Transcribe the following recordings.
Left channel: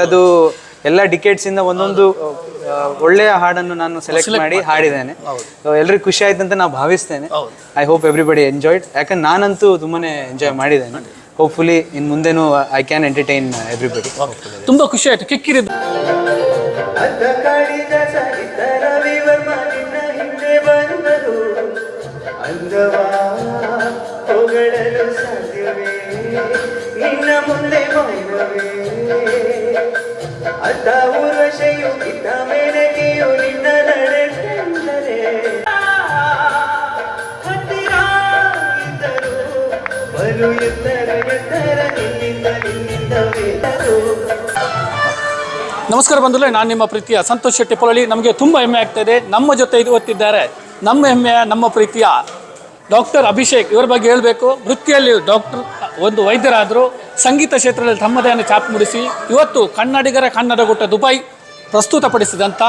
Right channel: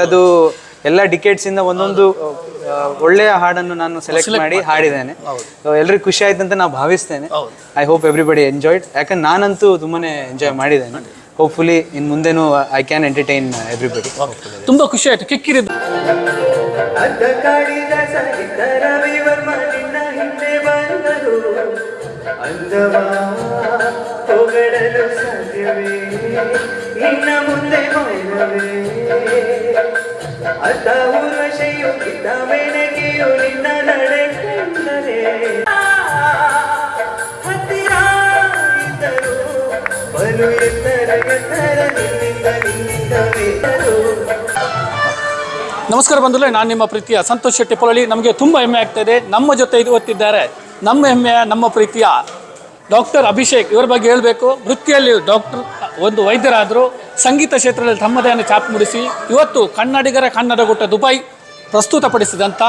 ಎಲ್ಲದು ಎಲ್ಲ ಡಿಕೇಟ್ಸಿಂದ ಒಂದೊಂದು ಒಳ್ಳೆಯ ಹಾಡನ್ನು ನಾನು ಸೆಲೆಕ್ಟ್ ಮಾಡಿ ಹಾಡಿದ್ದೇನೆ. ಎಲ್ರಿಗೂ ಖುಷಿ ಆಯ್ತು ಅಂತ ನಾವು ಭಾವಿಸ್ತೇನೆ. I hope everybody enjoyed. ಯಾಕಂದ್ರೆ ನಾನಂತೂ ತುಂಬಾನೇ ಎಂಜಾಯ್ ಮಾಡಿದ್ದೇನೆ. ಹೋಪ್ಫುಲಿ ಇನ್ನು ಮುಂದೆನೂ ಐ ಕ್ಯಾನ್ ಎಂಟರ್ಟೈನ್ ಎವ್ರಿಬಡಿ. ತುಂಬ ಖುಷಿ ಆಯಿತು. ಕಿಕ್ಕಿರಿದ ನಮಸ್ಕಾರ ಬಂಧುಗಳೇ, ನಾನು ನಿಮ್ಮ ಪ್ರೀತಿಯ ಸಂತೋಷ್ ಶೆಟ್ಟಿ ಪೊಳಲಿ. ನಮಗೆ ತುಂಬ ಹೆಮ್ಮೆ ಆಗ್ತಾ ಇದೆ. ನಮ್ಮ ಜೊತೆ ಇವತ್ತಿದ್ದಾರೆ ನಮ್ಮ ಹೆಮ್ಮೆಯ ನಮ್ಮ ಪ್ರೀತಿಯ ಡಾಕ್ಟರ್ ಅಭಿಷೇಕ್. ಇವರ ಬಗ್ಗೆ ಹೇಳಬೇಕು. ವೃತ್ತಿಯಲ್ಲಿ ಡಾಕ್ಟರ್, ಒಂದು ವೈದ್ಯರಾದರು. ಸಂಗೀತ ಕ್ಷೇತ್ರದಲ್ಲಿ ತಮ್ಮದೇ ಛಾಪು ಮೂಡಿಸಿ ಇವತ್ತು ಕನ್ನಡಿಗರ ಕನ್ನಡಗುಟ್ಟ ದುಬೈ ಪ್ರಸ್ತುತಪಡಿಸಿದಂಥ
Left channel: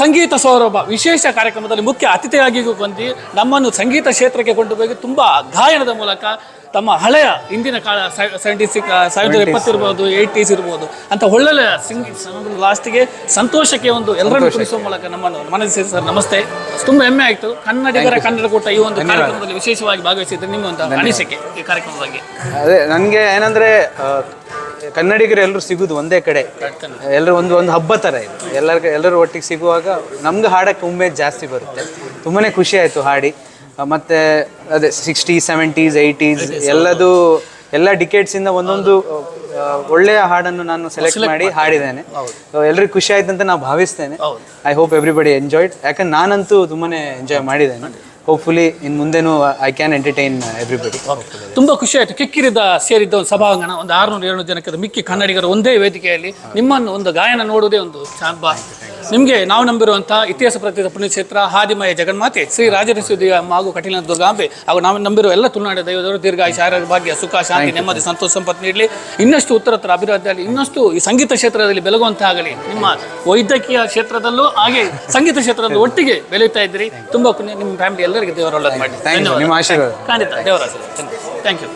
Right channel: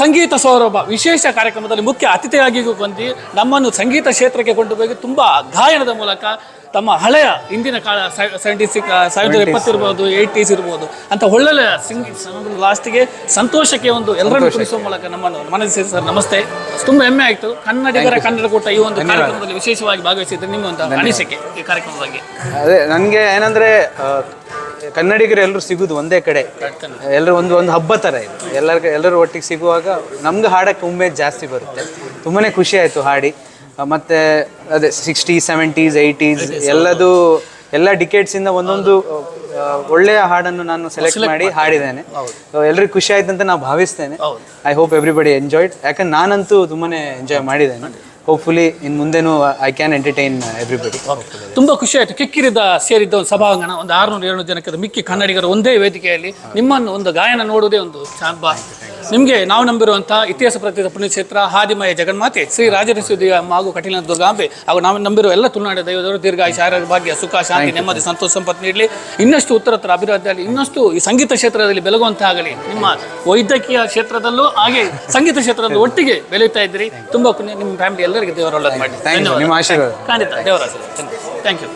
ಸಂಗೀತ ಸೌರಭ ವಿಶೇಷ ಕಾರ್ಯಕ್ರಮದಲ್ಲಿ ಮುಖ್ಯ ಅತಿಥಿಯಾಗಿ ಬಂದು ನಮ್ಮನ್ನು ಸಂಗೀತ ಕ್ಷೇತ್ರಕ್ಕೆ ಕೊಂಡು ಹೋಗಿ ತುಂಬ ಗಾಯನದ ಮೂಲಕ ತಮ್ಮ ಹಳೆಯ ಹಿಂದಿನ ಕಾಲ 1970 ಇರ್ಬೋದು, 80s ಇರ್ಬೋದು ಅಂತ ಒಳ್ಳೊಳ್ಳೆ ಲಾಸ್ಟಿಗೆ ಸಂತೋಷಕ್ಕೆ ಒಂದು ಎಲ್ಲರನ್ನು ಕುಣಿಸುವ ಮೂಲಕ ನಮ್ಮನ್ನು ಮನಸ್ಸು. ಸರ್ ನಮಸ್ತೆ, ತುಂಬ ಹೆಮ್ಮೆ ಆಯಿತು. ಕನ್ನಡಿಗರ ಕನ್ನಡಕೂಟ ಈ ಒಂದು ಕಾರ್ಯಕ್ರಮದಲ್ಲಿ ವಿಶೇಷವಾಗಿ ಭಾಗವಹಿಸಿದ್ರೆ ನಿಮ್ಮ ಒಂದು ಅನಿಸಿಕೆ ಈ ಕಾರ್ಯಕ್ರಮದ ಬಗ್ಗೆ? ಅದೇ ನನಗೆ ಏನಂದರೆ, ಕನ್ನಡಿಗರು ಎಲ್ಲರೂ ಸಿಗೋದು ಒಂದೇ ಕಡೆ, ಎಲ್ಲರೂ ಒಂದು ಹಬ್ಬ ಥರ ಇದೆ. ಎಲ್ಲರೂ ಒಟ್ಟಿಗೆ ಸಿಗುವಾಗ ನಮ್ಗೆ ಹಾಡೋಕ್ಕೆ ಉಮೇದು ಜಾಸ್ತಿ ಬರುತ್ತೆ. ತುಂಬಾ ಖುಷಿ ಆಯಿತು ಹಾಡಿ. ಮತ್ತು ಅದೇ 60s, 70s, 80s ಎಲ್ಲ ಡಿಕೇಟ್ಸಿಂದ ಒಂದೊಂದು ಒಳ್ಳೆಯ ಹಾಡನ್ನು ನಾನು ಸೆಲೆಕ್ಟ್ ಮಾಡಿ ಹಾಡಿದ್ದೇನೆ. ಎಲ್ರಿಗೂ ಖುಷಿ ಆಯ್ತು ಅಂತ ನಾವು ಭಾವಿಸ್ತೇನೆ. I hope everybody enjoyed. ಯಾಕಂದ್ರೆ ನಾನಂತೂ ತುಂಬಾ ಎಂಜಾಯ್ ಮಾಡಿದ್ದೇನೆ. ಹೋಪ್ಫುಲಿ ಇನ್ನು ಮುಂದೆನೂ ಐ ಕ್ಯಾನ್ ಎಂಟರ್ಟೈನ್ ಎವ್ರಿಬಡಿ. ತುಂಬ ಖುಷಿ ಆಯಿತು. ಕಿಕ್ಕಿರಿದ ಸೇರಿದ್ದ ಒಂದು ಸಭಾಂಗಣ, ಒಂದು 600-700 ಜನಕ್ಕೆ ಮಿಕ್ಕಿ ಕನ್ನಡಿಗರು ಒಂದೇ ವೇದಿಕೆಯಲ್ಲಿ ನಿಮ್ಮನ್ನು ಒಂದು ಗಾಯನ ನೋಡುವುದೇ ಒಂದು ಚಾಂಬ. ನಿಮಗೆ ನಾವು ನಂಬಿರುವಂಥ ಇತಿಹಾಸ ಪ್ರಸಿದ್ಧ ಪುಣ್ಯಕ್ಷೇತ್ರ ಹಾದಿಮಯ ಜಗನ್ಮಾತೆ ಶ್ರೀ ರಾಜರೇಶ್ವರಿ ಅಮ್ಮ ಹಾಗೂ ಕಟೀಲ ದುರ್ಗಾಂಬೆ ಹಾಗೂ ನಾವು ನಂಬಿರುವ ಎಲ್ಲ ತುಳುನಾಡಿನ ದೈವದವರು ದೀರ್ಘಾಯುಷ್ಯ, ಆರೋಗ್ಯ, ಭಾಗ್ಯ, ಸುಖ, ಶಾಂತಿ, ನೆಮ್ಮದಿ, ಸಂತೋಷ, ಸಂಪತ್ತು ನೀಡಲಿ. ಇನ್ನಷ್ಟು ಉತ್ತರೋತ್ತರ ಅಭಿವೃದ್ಧಿಯಲ್ಲಿ ಇನ್ನಷ್ಟು ಈ ಸಂಗೀತ ಕ್ಷೇತ್ರದಲ್ಲಿ ಬೆಳಗುವಂತಾಗಲಿ. ನಿಮ್ಮ ವೈದ್ಯಕೀಯ ಕ್ಷೇತ್ರದಲ್ಲೂ ಹಾಗೆ ಸಂಗೀತ ಕ್ಷೇತ್ರದಲ್ಲೂ ಒಟ್ಟಿಗೆ ಬೆಳೆಯುತ್ತಾ ಇದ್ದೀರಿ. ತುಂಬ ನಿಮ್ಮ ಫ್ಯಾಮಿಲಿ ಎಲ್ಲರಿಗೆ ದೇವರ ಒಳ್ಳೆದು ಮಾಡಿ. ನಿಮ್ಮ ಆಶೀರ್ವಾದ. ಖಂಡಿತ ದೇವರ ಆಶೀರ್ವಾದ. Thank you.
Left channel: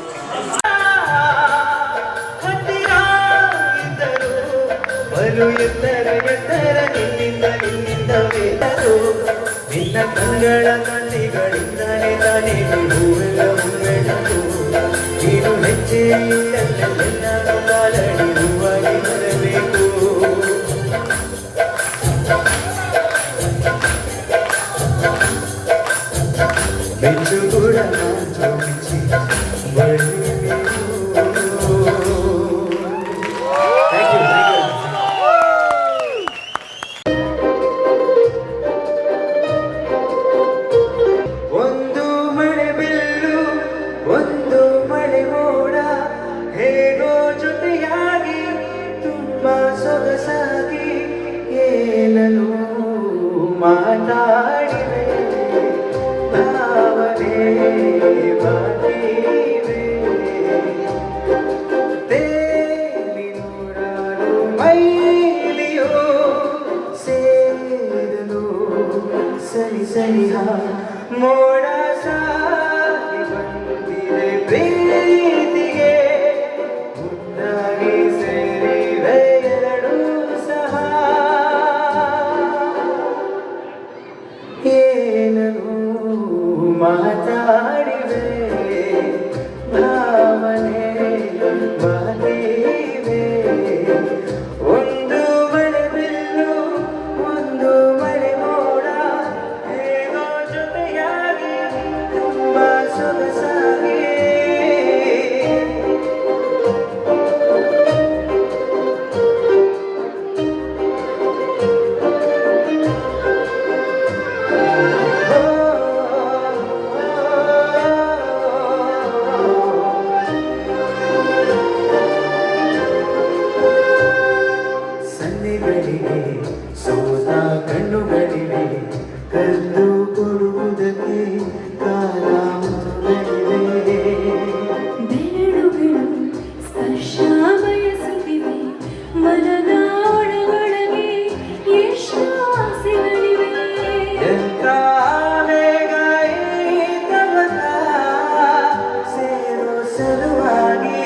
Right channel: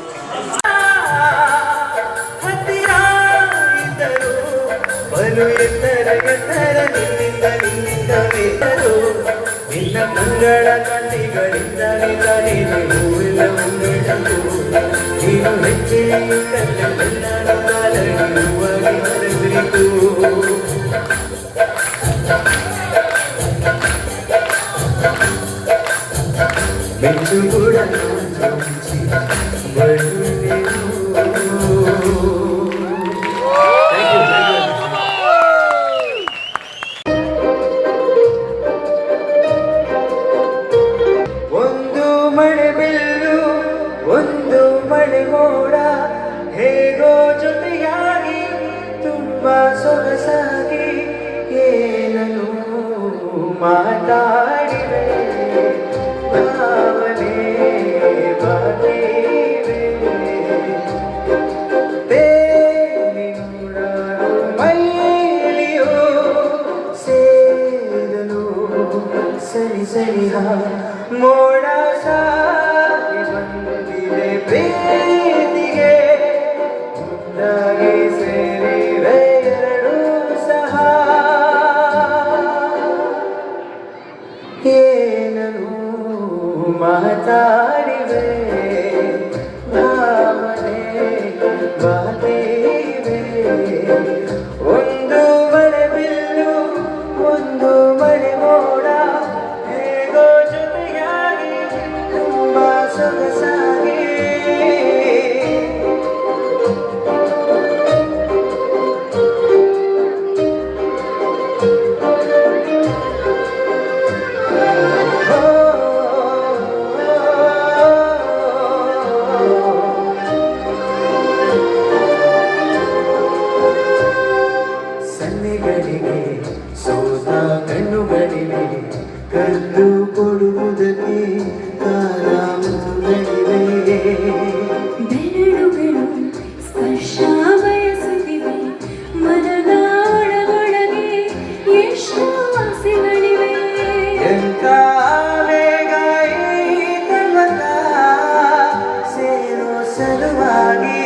ಸಲುವಾಗಿ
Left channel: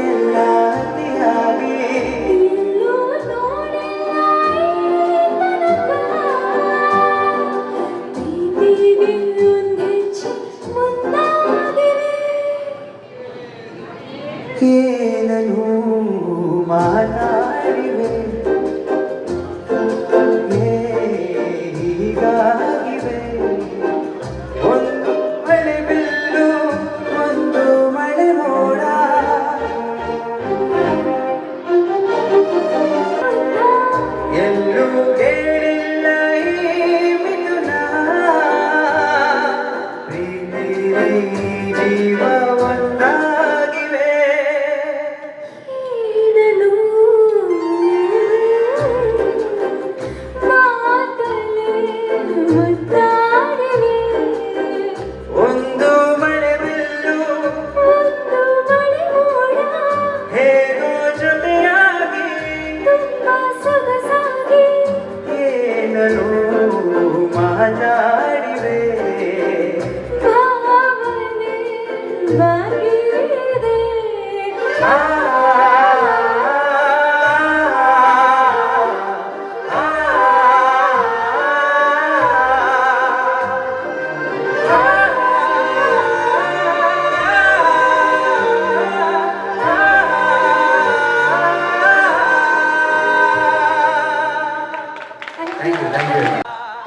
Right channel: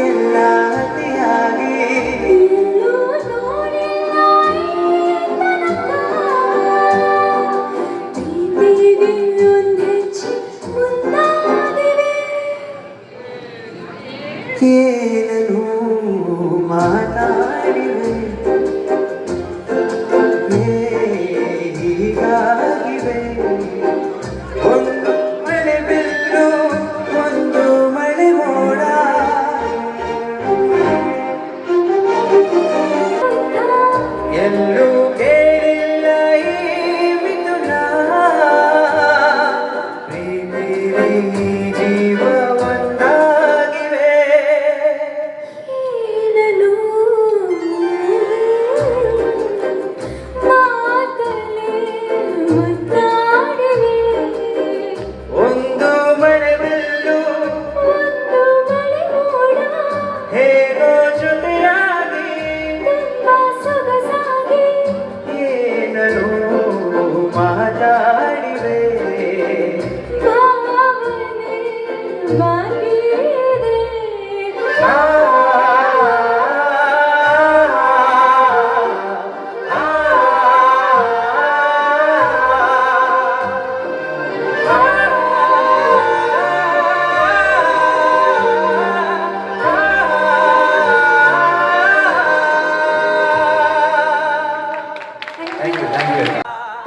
ಎಲ್ಲ ಅತಿಯಾಗಿ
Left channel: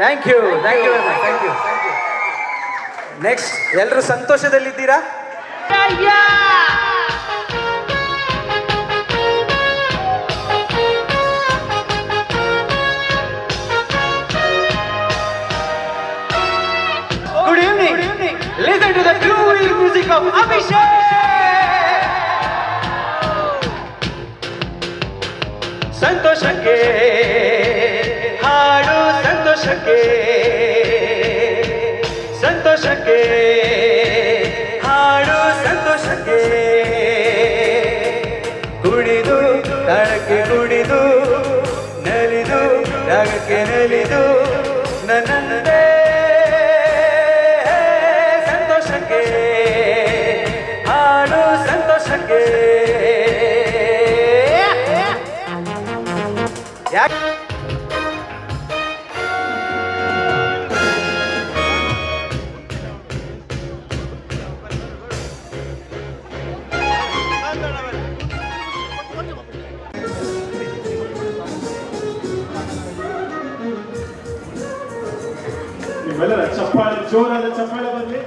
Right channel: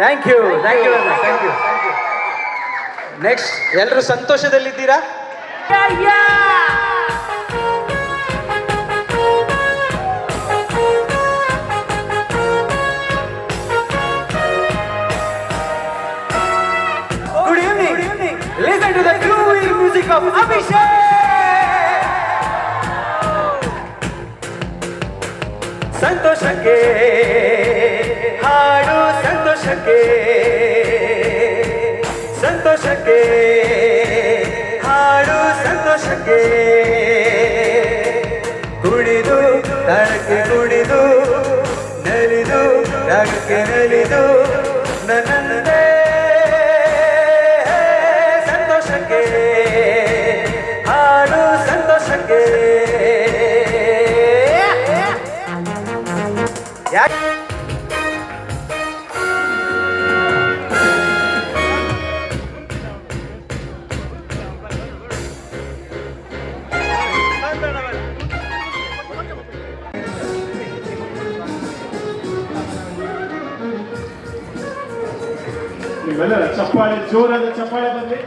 thank you thank you thank you. Next ಎಲ್ಲರೂ ಸಂತೋಷದಲ್ಲಿದ್ದೀರಾ? Good evening. Listen to the groovy music of Abhishek. ಸಂತೋಷಕ್ಕೆ ಹಾಡು, ಸಂತೋಷಕ್ಕೆ ಸಂತೋಷಕ್ಕೆ ಹಾಡು, ಸಂತೋಷಕ್ಕೆ ಕುಣಿದು ತಾಳಕ್ಕೆ ಕುಣಿದು ನಲಿದು ರಾಗಕ್ಕೆ ನಲಿದು ನನ್ನನ್ನೇ ಸಂತೋಷಕ್ಕೆ ಹಾಡು, ಸಂತೋಷಕ್ಕೆ. ಯಾಕೆ ನಿಮ್ಮೆಲ್ಲರ ಚಪ್ಪಾಳೆ, ಜೋರಾದ ಚಪ್ಪಾಳೆ ಬರಲಿ.